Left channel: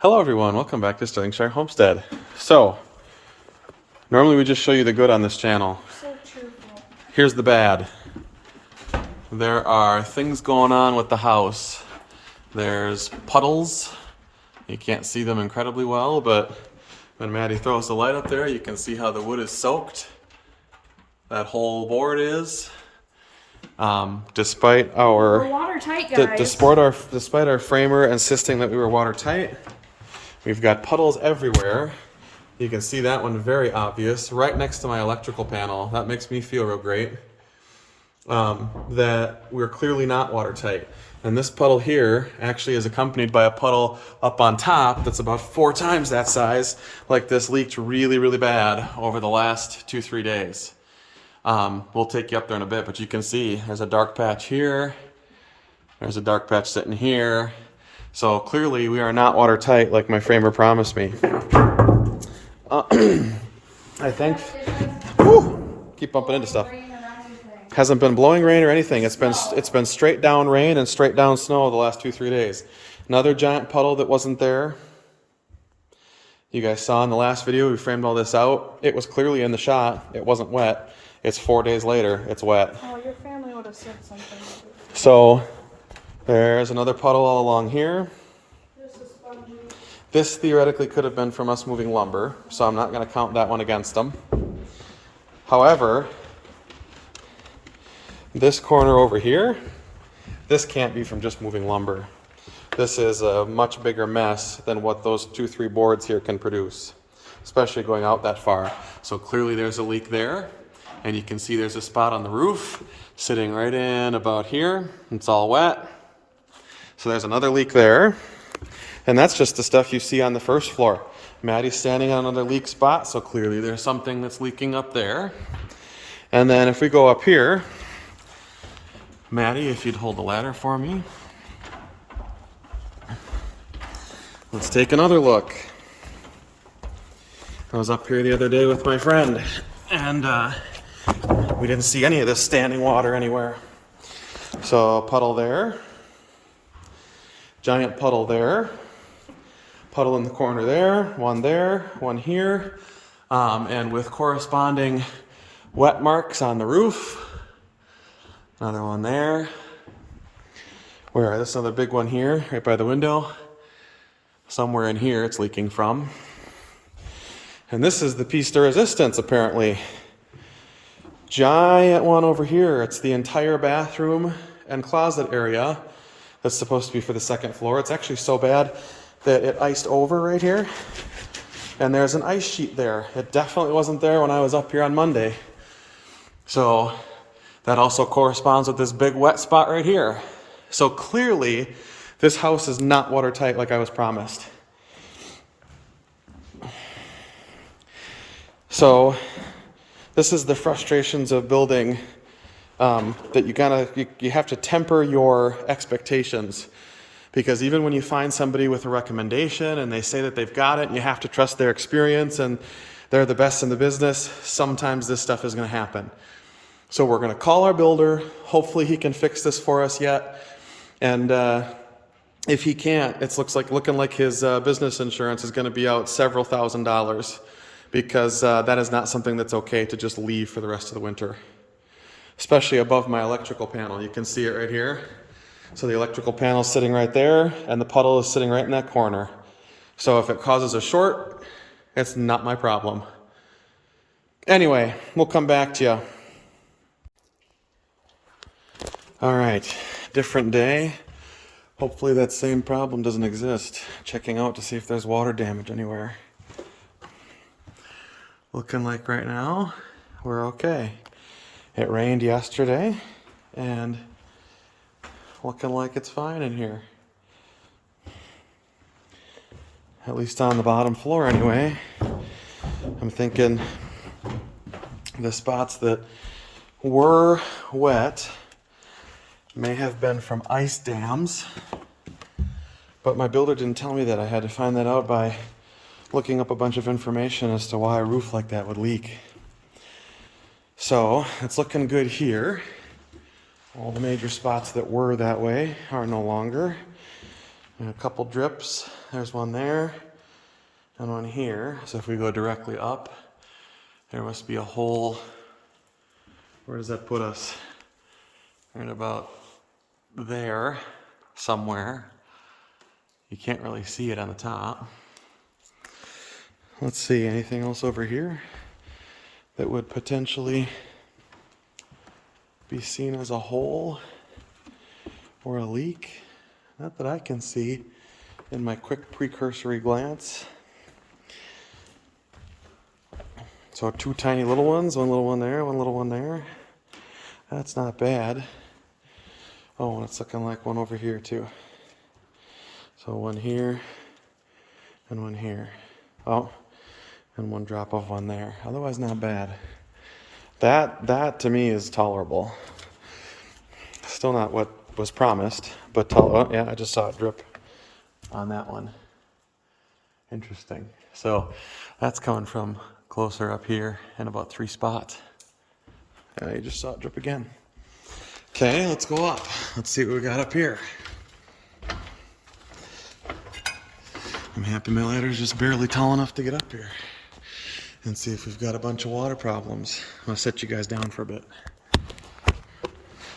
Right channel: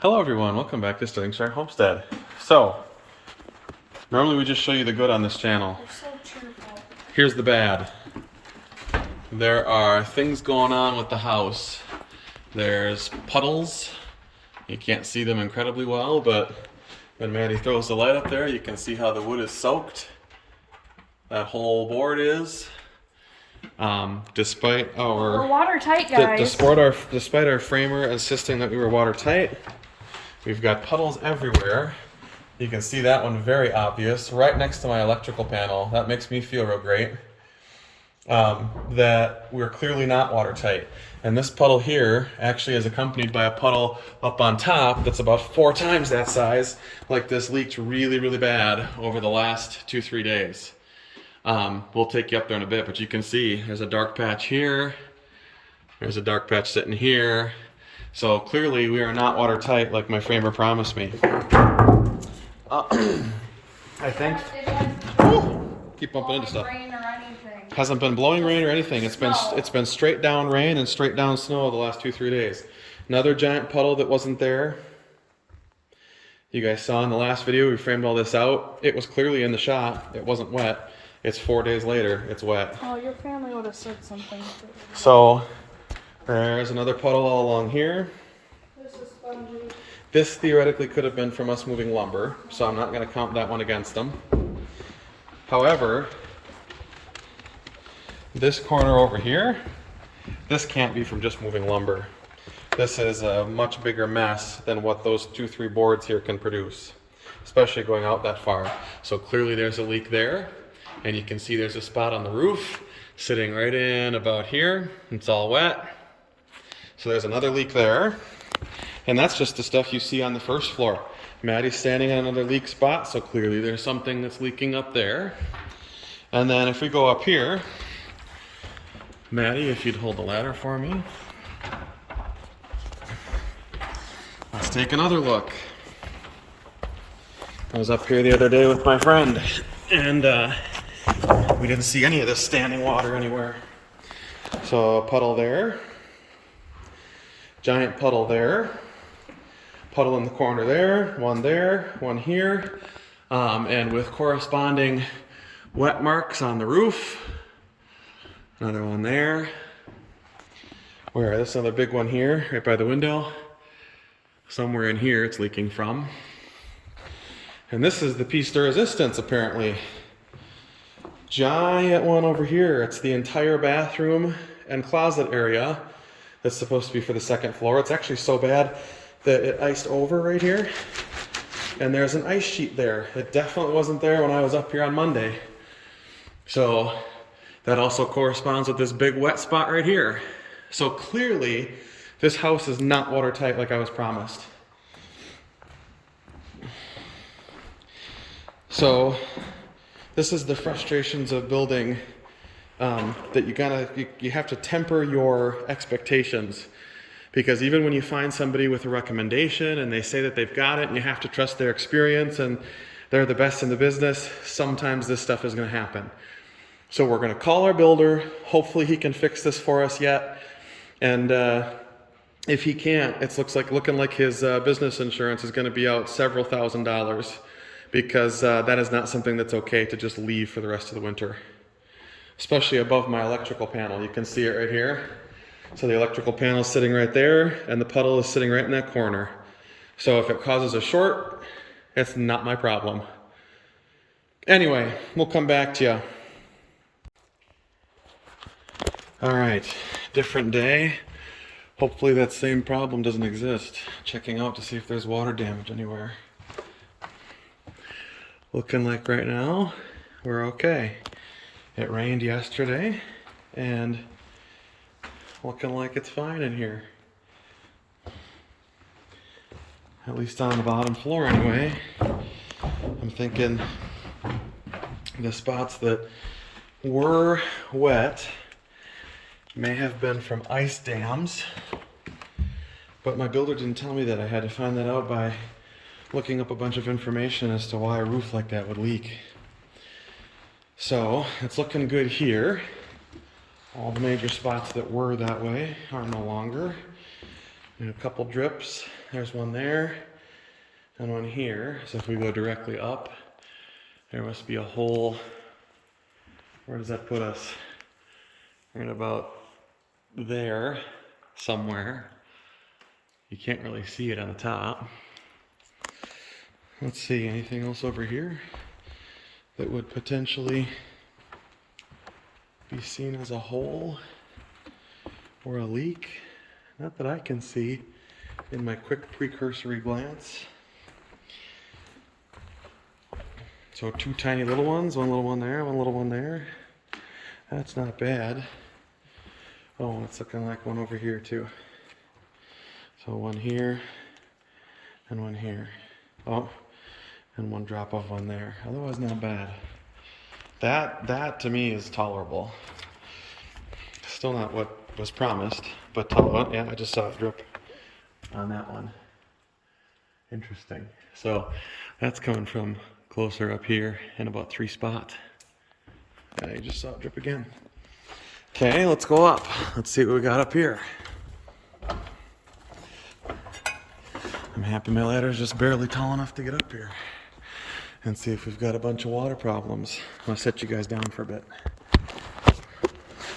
Hello everyone, welcome back to Stirlingshire Homestead. So, normally we just show you the good on this channel. You're so cheerful. Here's the bad. There are things going on with the house. There's puddles. You can't see them incredibly well, but when Maddie throws the light up there, you can see how the wood is soaked. That whole board is. Despite our We're watertight, guys. despite our framer insisting that we were watertight, we've got puddles everywhere. You can see that one very obvious, right next to my electrical panel. That makes me feel real great. That we're clearly not watertight. And this puddle here actually is accompanied by a puddle up on top that's about 4 times that size. Like this leaked really, really bad over the last 2-3 days. We'll take you up there in a bit, but you can see there's a dark patch here. There's a dark patch sitting here. So clearly we are not watertight like my framer promised me. I think. Keep bumping into stuff. Hasn't been blowing rain or anything. It's been straight down rain and straight down snow the last 2-3 days. Another giant puddle that wasn't there. You guys saw in the last video we framed all this out. It was clearly in the shot. It wasn't wet. It's 4 days later. It's wet. Oh, your family would have said something. So there's another puddle all along here. This is spongy. This theoretically could have been from us moving lumber, so I'm not going to count that one against them. However, this corner over here, this can't be from just moving lumber. This is a much bigger mess than what those 2-3 boards here can produce, especially going out that far. So clearly there's a leak there, and you can see there's a spot on the roof sitting right in about here. It's all wet. So there's another leak there. And that's just the stuff you see on the first floor. Maddie's standing on another leak spot, so clearly there's something that's leaking up there. And then if we go up here, Maddie, if you'd hold the ladder for me. Let's take another look. I was up here the other day with my friend, and we didn't see any of this standing water anywhere. So a puddle there, giant puddle there, puddle in the corner there, one here, and with corresponding wet marks on the roof. Another one there. Where? This another big one here, right by the window. Somewhere in here it's leaking from. And this is the piece de resistance, apparently. Giant one over here. It's the entire bathroom and closet area that's supposed to be for the second floor. It's actually so bad that it iced over right here. And there's an ice sheet there. It definitely wasn't there when I was up here on Monday. So that also corresponds with this big wet spot right here. So clearly, this house is not watertight like I was promised. So this is the frustrations of building, that you have to temper your expectations. Because even when you find somebody with a recommendation and they say that they've got it and you have to trust their experience and they're the best in the business, sometimes this stuff is going to happen. So we're going to call our builder. Hopefully he can fix this for us yet. And if he can't, it's looking like his business insurance is going to be out several $1,000s, because that is not something that's okay to just leave for the rest of the winter. Especially above my electrical panel. You can see it right here. So the electrical panel is sitting right there, and the puddle is sitting right in that corner. So if it causes a short, it's not my problem. Anyway, we'll come back to you. All right, different day. Hopefully that same problem doesn't exist. Checking out to see if there's water damage anywhere. Looking like right now, we're okay. It rained yesterday, and looking like it's fine in here. At least on the bottom floor anyway. I'm thinking the spots that were wet may have been from ice dams, but my builder didn't tell me that. I had to find that out by looking up a bunch of information as to why a roof like that would leak. So it's looking good here. All the major spots that were that way are no longer. And a couple drips. There's one there and one here. So if we go directly up, there must be a hole. Where does that put us? Right about there somewhere. You can't really see it on the top. Let's see, anything else over here that would potentially be seen as a hole or a leak? Not that I can see in my quick precursory glance. So 2 tiny little ones, one little one there, one little one there. That's not bad. Oh, and it's looking like one over here too. So one here and one here. Oh, and one drop of one there. Otherwise not bad. That to me is tolerable. Still not what was promised, but tolerable. Yeah, I just saw it drip on that one. Interesting. So that's coming from closer up here in about 3 spots. You just saw it drip again. Okay, let's go up. Let's see what we got up here. I'm happy my ladder's just barely tall enough to get up here. And see if we've got a bunch of water problems. I'm gonna set you guys down for a bit.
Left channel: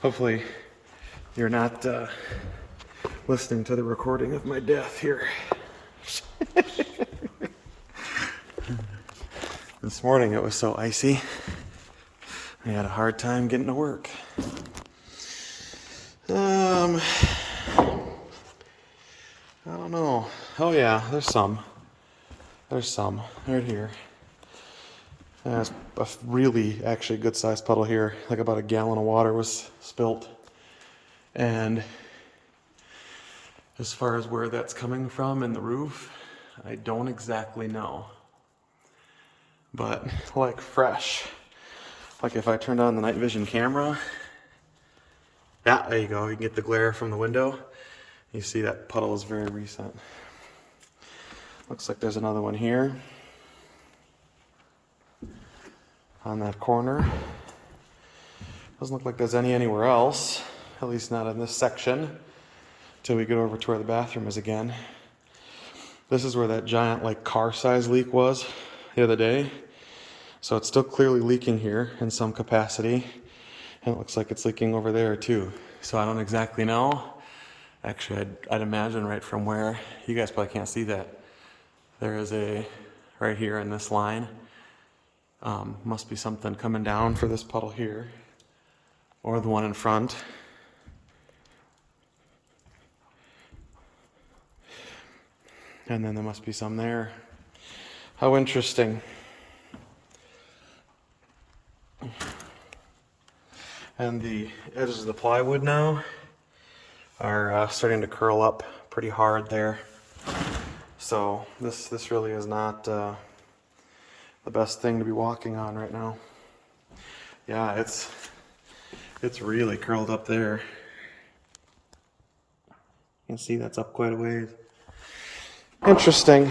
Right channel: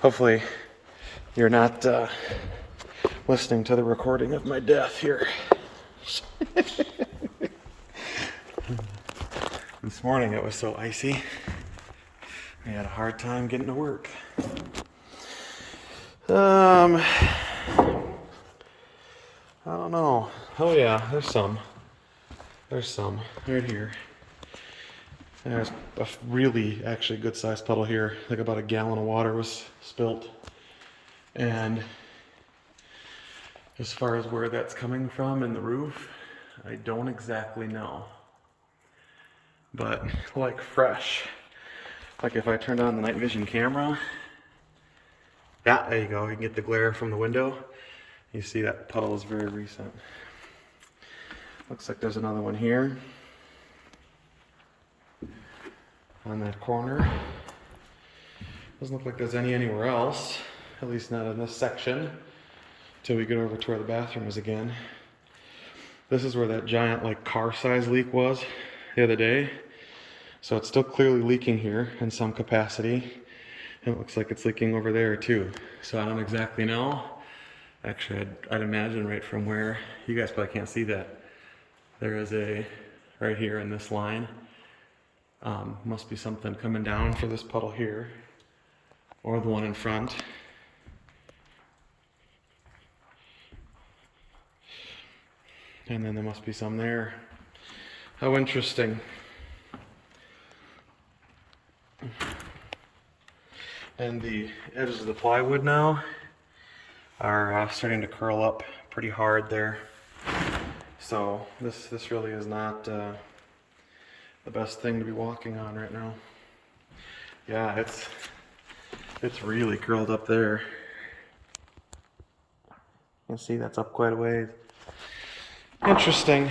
Hopefully you're not listening to the recording of my death here. This morning it was so icy. We had a hard time getting to work. I don't know. Oh yeah, there's some. There's some right here. There's a really actually good sized puddle here. Like about a gallon of water was spilt. And as far as where that's coming from in the roof, I don't exactly know. But like fresh. Like if I turned on the night vision camera, yeah, there you go. You can get the glare from the window. You see that puddle is very recent. Looks like there's another one here on that corner. Doesn't look like there's any anywhere else, at least not in this section, till we get over to where the bathroom is again. This is where that giant like car size leak was the other day. So it's still clearly leaking here in some capacity. And it looks like it's leaking over there too. So I don't exactly know. Actually, I'd imagine right from where, you guys probably can't see that. There is a, right here in this line, must be something coming down for this puddle here. Or the one in front. And then there must be some there. How interesting. And the edges of the plywood now are starting to curl up pretty hard there. So this really is not the best thing to be walking on right now. Yeah, it's really curled up there. You can see that's up quite a ways. Interesting.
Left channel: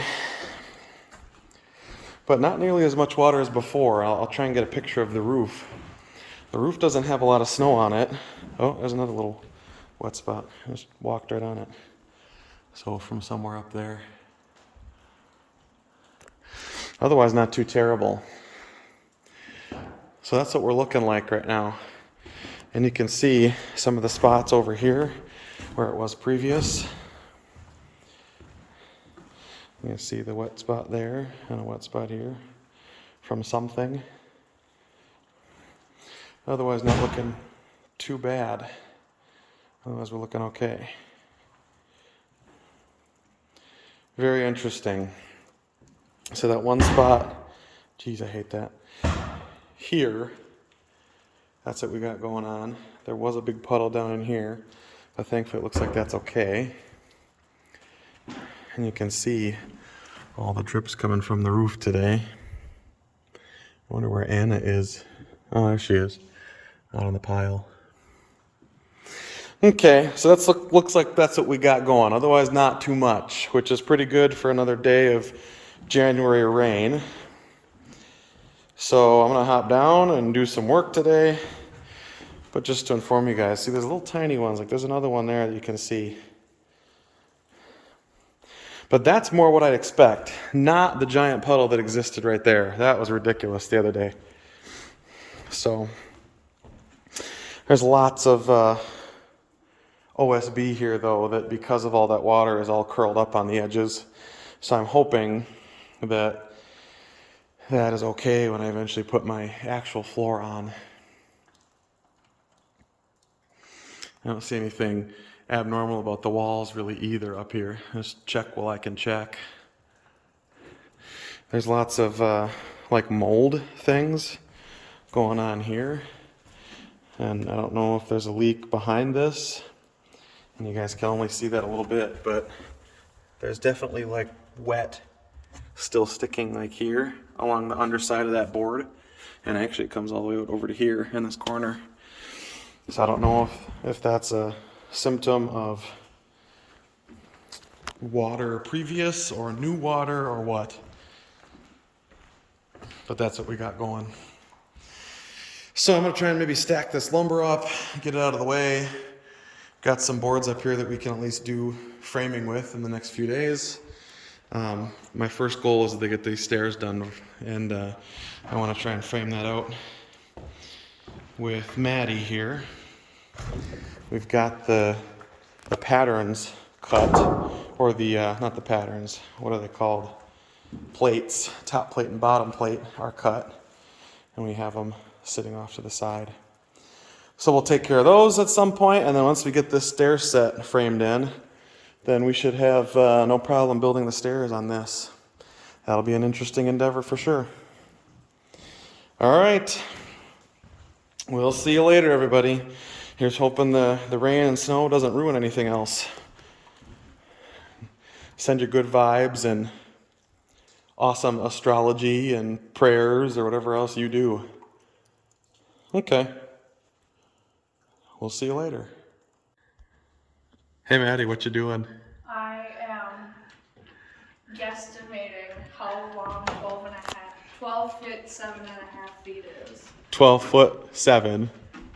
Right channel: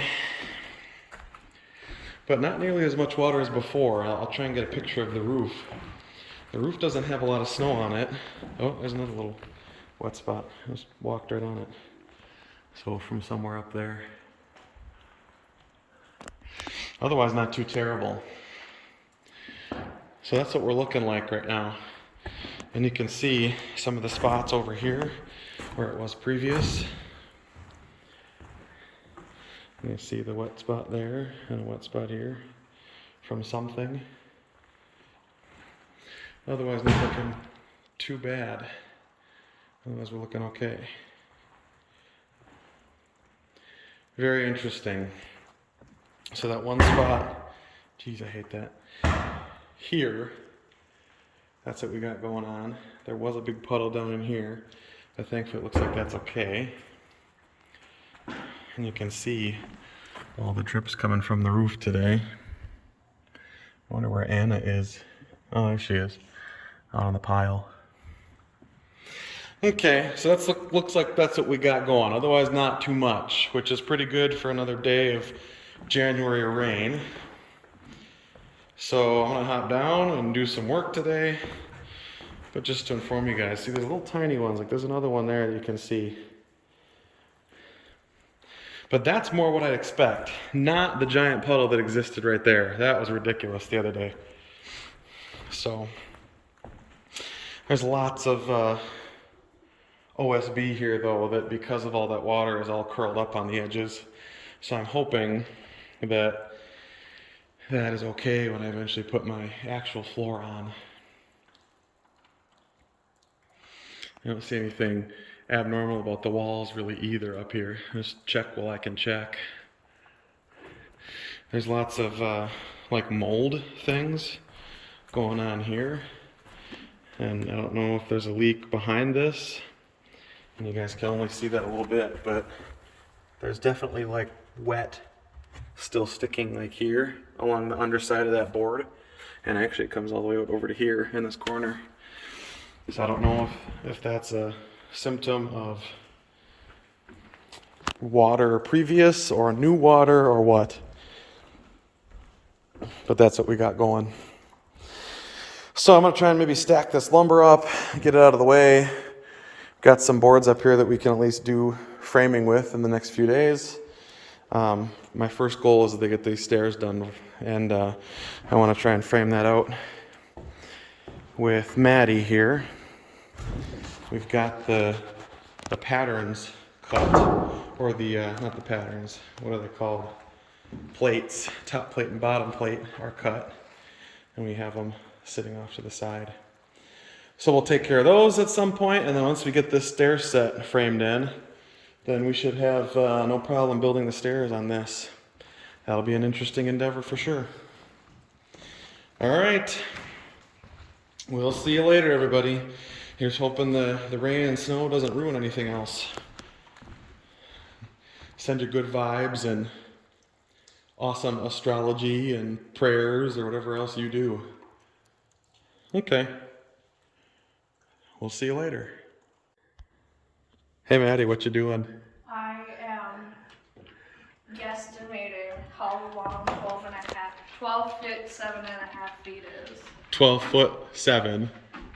But not nearly as much water as before. I'll try and get a picture of the roof. The roof doesn't have a lot of snow on it. Oh, there's another little wet spot. I just walked right on it. So from somewhere up there. Otherwise, not too terrible. So that's what we're looking like right now. And you can see some of the spots over here where it was previous. You can see the wet spot there and a wet spot here from something. Otherwise, not looking too bad. Otherwise, we're looking okay. Very interesting. So that one spot, geez, I hate that. Here, that's what we got going on. There was a big puddle down in here, but thankfully it looks like that's okay. And you can see all the drips coming from the roof today. I wonder where Anna is. Oh, there she is, out on the pile. Okay, so that's looks like that's what we got going. Otherwise, not too much, which is pretty good for another day of January rain. So I'm gonna hop down and do some work today. But just to inform you guys, see there's little tiny ones, like there's another one there that you can see. But that's more what I expect, not the giant puddle that existed right there. That was ridiculous the other day. So there's lots of OSB here, though, that because of all that water is all curled up on the edges. So I'm hoping that that is okay when I eventually put my actual floor on. I don't see anything abnormal about the walls really either up here. Just check while I can check. There's lots of like mold things going on here. And I don't know if there's a leak behind this. And you guys can only see that a little bit, but there's definitely like wet still sticking like here along the underside of that board. And actually it comes all the way over to here in this corner. So I don't know if that's a symptom of water previous or new water or what. But that's what we got going. So I'm going to try and maybe stack this lumber up, get it out of the way. Got some boards up here that we can at least do framing with in the next few days. My first goal is to get these stairs done, and I want to try and frame that out with Maddie here. We've got the patterns cut, or the not the patterns, what are they called? Plates, top plate and bottom plate are cut, and we have them sitting off to the side. So we'll take care of those at some point, and then once we get this stair set framed in, then we should have no problem building the stairs on this. That'll be an interesting endeavor for sure. All right. We'll see you later, everybody. Here's hoping the rain and snow doesn't ruin anything else. Send you good vibes and awesome astrology and prayers or whatever else you do. Okay. We'll see you later. Hey, Maddie, what you doing? I am guesstimating how long 12 feet 7.5 feet is. 12 foot 7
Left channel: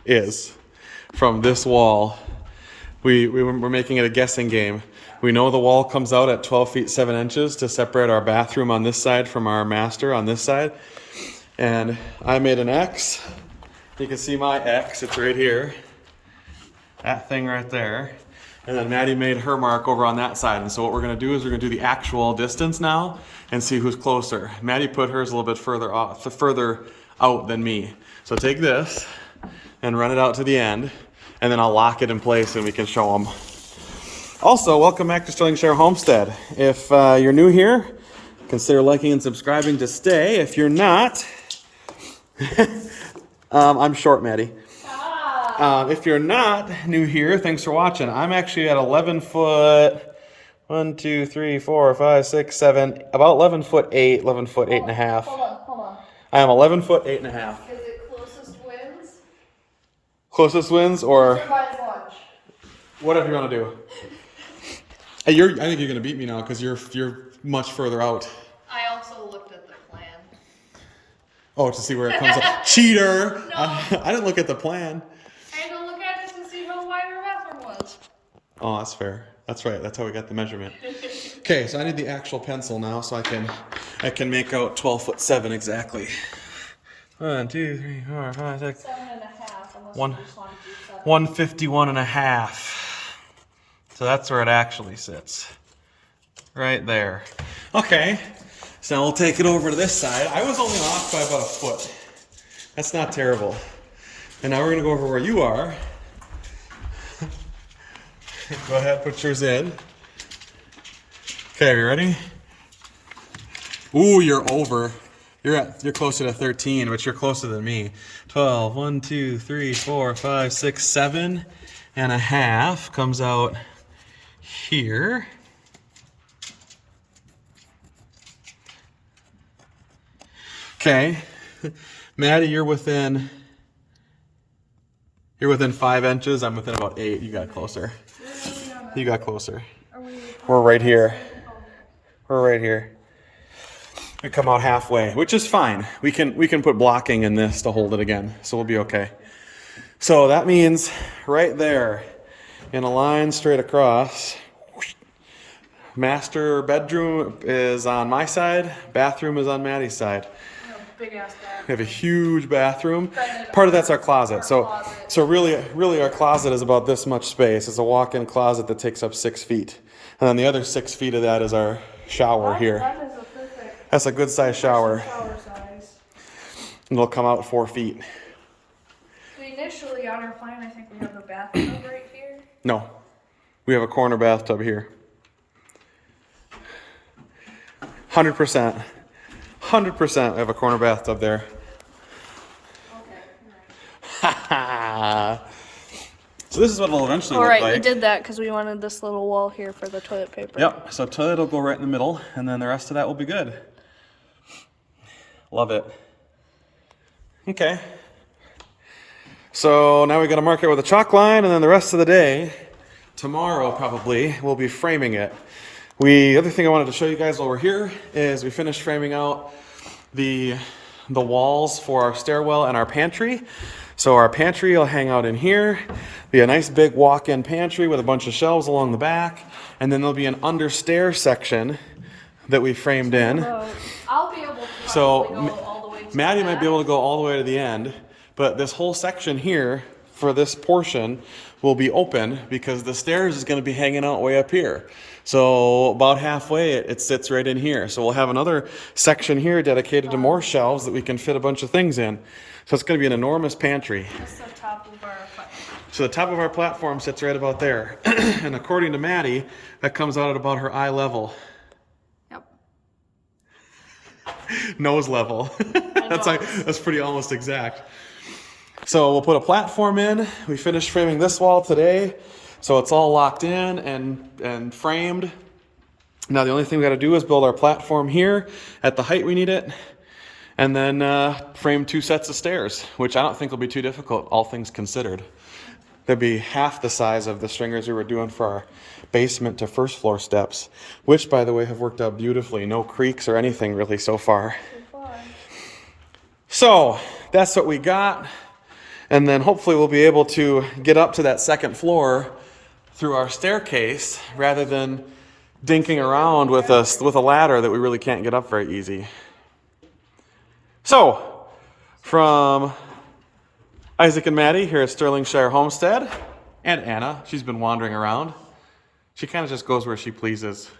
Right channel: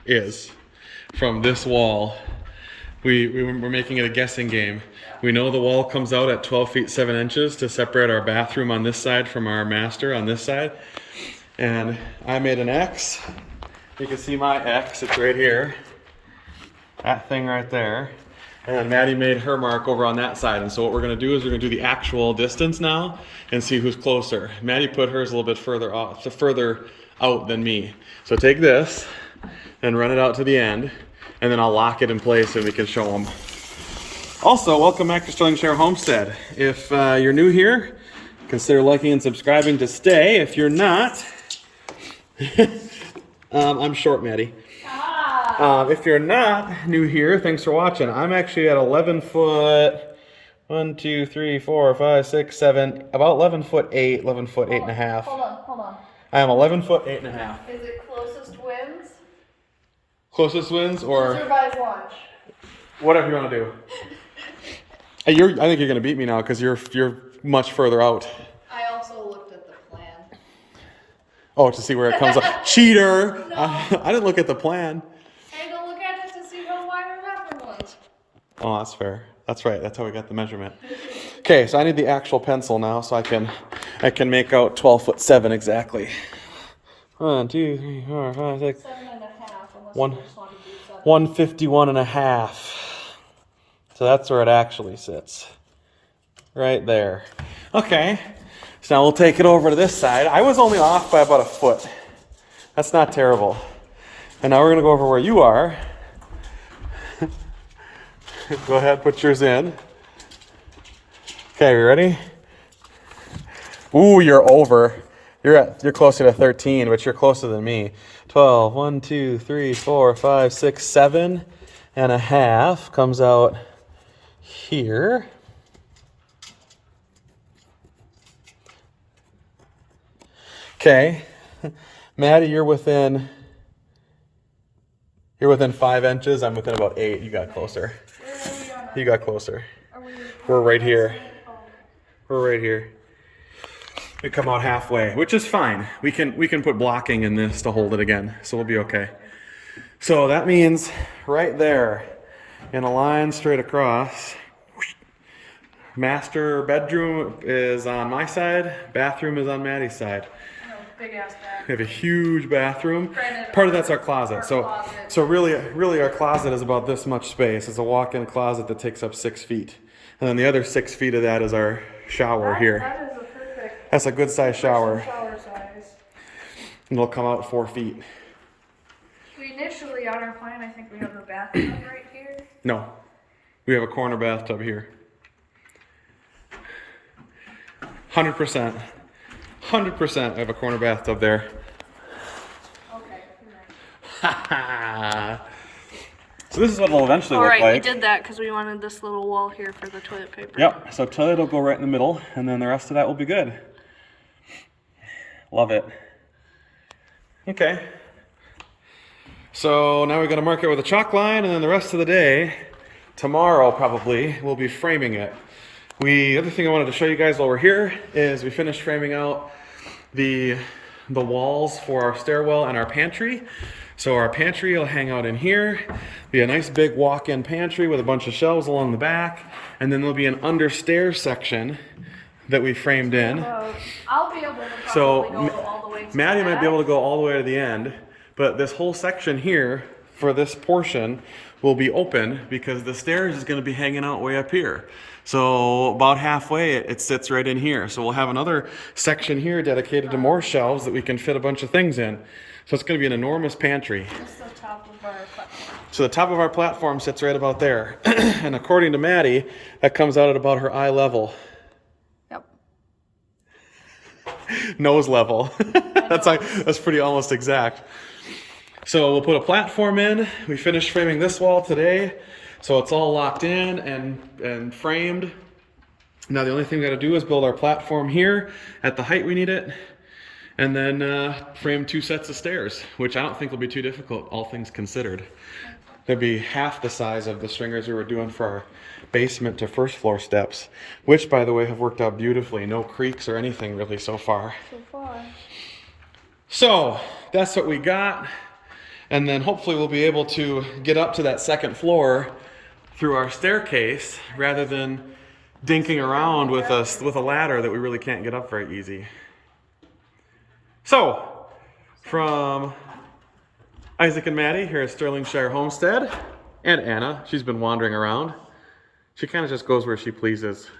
is from this wall. We're making it a guessing game. We know the wall comes out at 12 feet 7 inches to separate our bathroom on this side from our master on this side. And I made an X. You can see my X, it's right here. That thing right there. And then Maddie made her mark over on that side. And so what we're going to do is we're going to do the actual distance now and see who's closer. Maddie put hers a little bit further out than me. So take this and run it out to the end, and then I'll lock it in place and we can show them. Also, welcome back to Sterling Share Homestead. If you're new here, consider liking and subscribing to stay. If you're not, I'm short, Maddie. If you're not new here, thanks for watching. I'm actually at 11 foot, 1, 2, 3, 4, 5, 6, 7, about 11 foot 8, 11 foot 8.5. Hold on. I am 11 foot 8.5. Is it closest wins? Closest wins, or Survive lunch. whatever you want to do. I think you're going to beat me now because you're much further out. I also looked at the plan. Oh, to see where it comes up. Cheater! No. I didn't look at the plan. I had to look at it to see how wide our bathroom was. Oh, that's fair. That's right. That's how we got the measurement. Okay, so I need the actual pencil now so I can make out 12 foot 7 exactly. 1, 2, 3, 4, 5, 6. 7.5. 151 and a half. So that's where it actually sits. Right there. Okay. So now we'll take it over to this side. I was only off by about a foot. That's not terrible. And now we're going to go over where you are. Go ahead, put yours in. Okay, you ready? Ooh, you're over. You're closer to 13, but you're closer than me. 12, 1, 2, 3, 4, 5, 6, 7 and a half comes out here. Okay. Maddie, you're within 5 inches. I'm within about 8. You got closer. You got closer. We're right here. We're right here. We come out halfway, which is fine. We can put blocking in this to hold it again, so we'll be okay. So that means right there, in a line straight across, Master bedroom is on my side, bathroom is on Maddie's side. Big ass bath. We have a huge bathroom. Granted, Part of that's our closet. So closet. really our closet is about this much space. It's a walk-in closet that takes up 6 feet. And then the other 6 feet of that is our shower here. That is a perfect That's a good sized shower. shower size. And it'll come out 4 feet. We initially, on our plan, I think we have a bathtub right here. No. We have a corner bathtub here. 100%. 100% I have a corner bathtub there. Okay. So this is what it'll eventually look Alright, like. we did that because we wanted this little wall here for the toilet paper. Yep, so toilet will go right in the middle, and then the rest of that will be good. Love it. Okay. So now we got to mark it with a chalk line, and then the rest of the day, tomorrow probably, we'll be framing it. The other thing I wanted to show you guys while we're here is we finished framing out the walls for our stairwell and our pantry. So our pantry will hang out in here, be a nice big walk-in pantry with a bunch of shelves along the back, and then there'll be an under-stair section that we framed in. I'll be able to So probably go all the way to Maddie the might be back. able to go all the way to the end, but this whole section here for this portion will be open because the stairs is going to be hanging out way up here. So about halfway it sits right in here. So we'll have another section here dedicated to more shelves that we can fit a bunch of things in. So it's going to be an enormous pantry. This is the top of our platform. So the top of our platform sits right about there. And according to Maddie, that comes out at about her eye level. Yep. Nose level. That's pretty almost exact. So we'll put a platform in. We finished framing this wall today. So it's all locked in and framed. Now the only thing we got to do is build our platform here at the height we need it. And then frame 2 sets of stairs, which I don't think will be too difficult, all things considered. They'd be half the size of the stringers we were doing for our basement to first floor steps, which, by the way, have worked out beautifully. No creaks or anything really so far. So that's what we got. And then hopefully we'll be able to get up to that second floor through our staircase rather than dinking around with a ladder that we really can't get up very easy. So, from Isaac and Maddie here at Sterlingshire Homestead, and Anna, she's been wandering around. She kind of just goes where she pleases.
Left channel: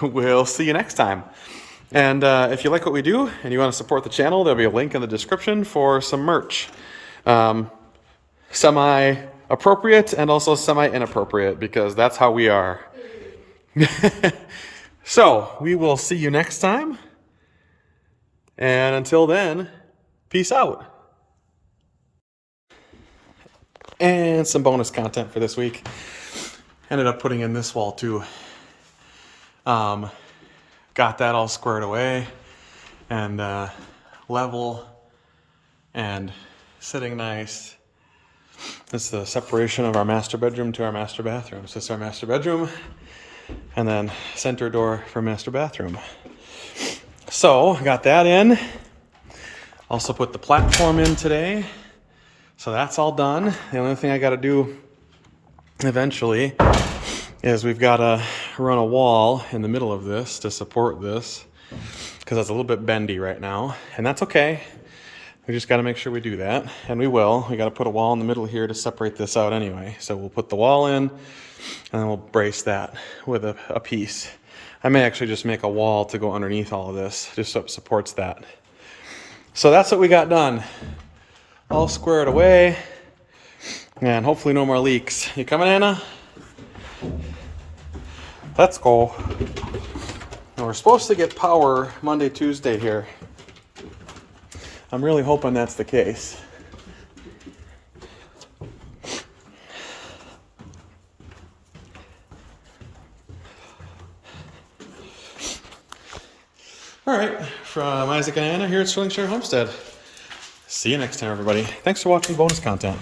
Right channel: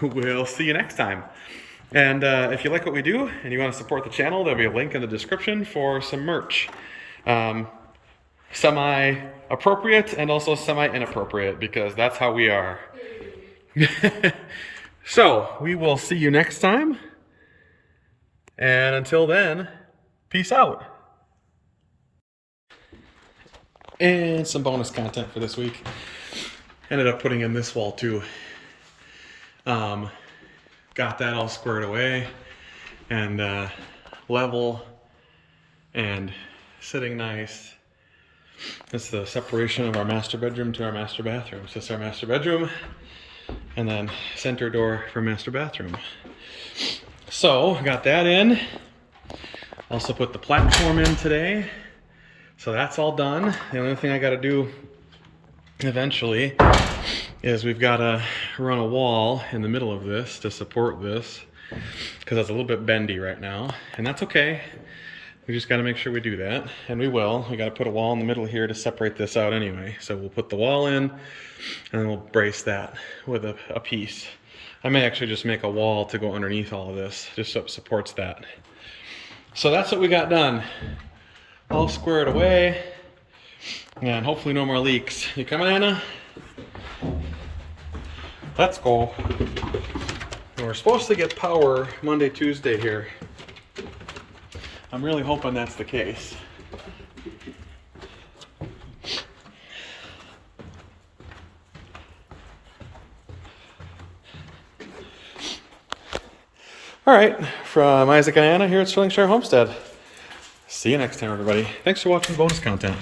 We'll see you next time. And if you like what we do and you want to support the channel, there'll be a link in the description for some merch. Semi-appropriate and also semi-inappropriate, because that's how we are. So, we will see you next time. And until then, peace out. And some bonus content for this week. Ended up putting in this wall too. Got that all squared away and level and sitting nice. That's the separation of our master bedroom to our master bathroom. So this is our master bedroom and then center door for master bathroom. So, got that in. Also put the platform in today. So that's all done. The only thing I got to do eventually is we've got to run a wall in the middle of this to support this because it's a little bit bendy right now. And that's okay. We just got to make sure we do that. And we will. We got to put a wall in the middle here to separate this out anyway. So we'll put the wall in and then we'll brace that with a piece. I may actually just make a wall to go underneath all of this, just so it supports that. So that's what we got done. All squared away. And hopefully no more leaks. You coming, Anna? Let's go. And we're supposed to get power Monday, Tuesday here. I'm really hoping that's the case. All right, from Isaac and Anna here at Sterlingshire Homestead. See you next time, everybody. Thanks for watching bonus content.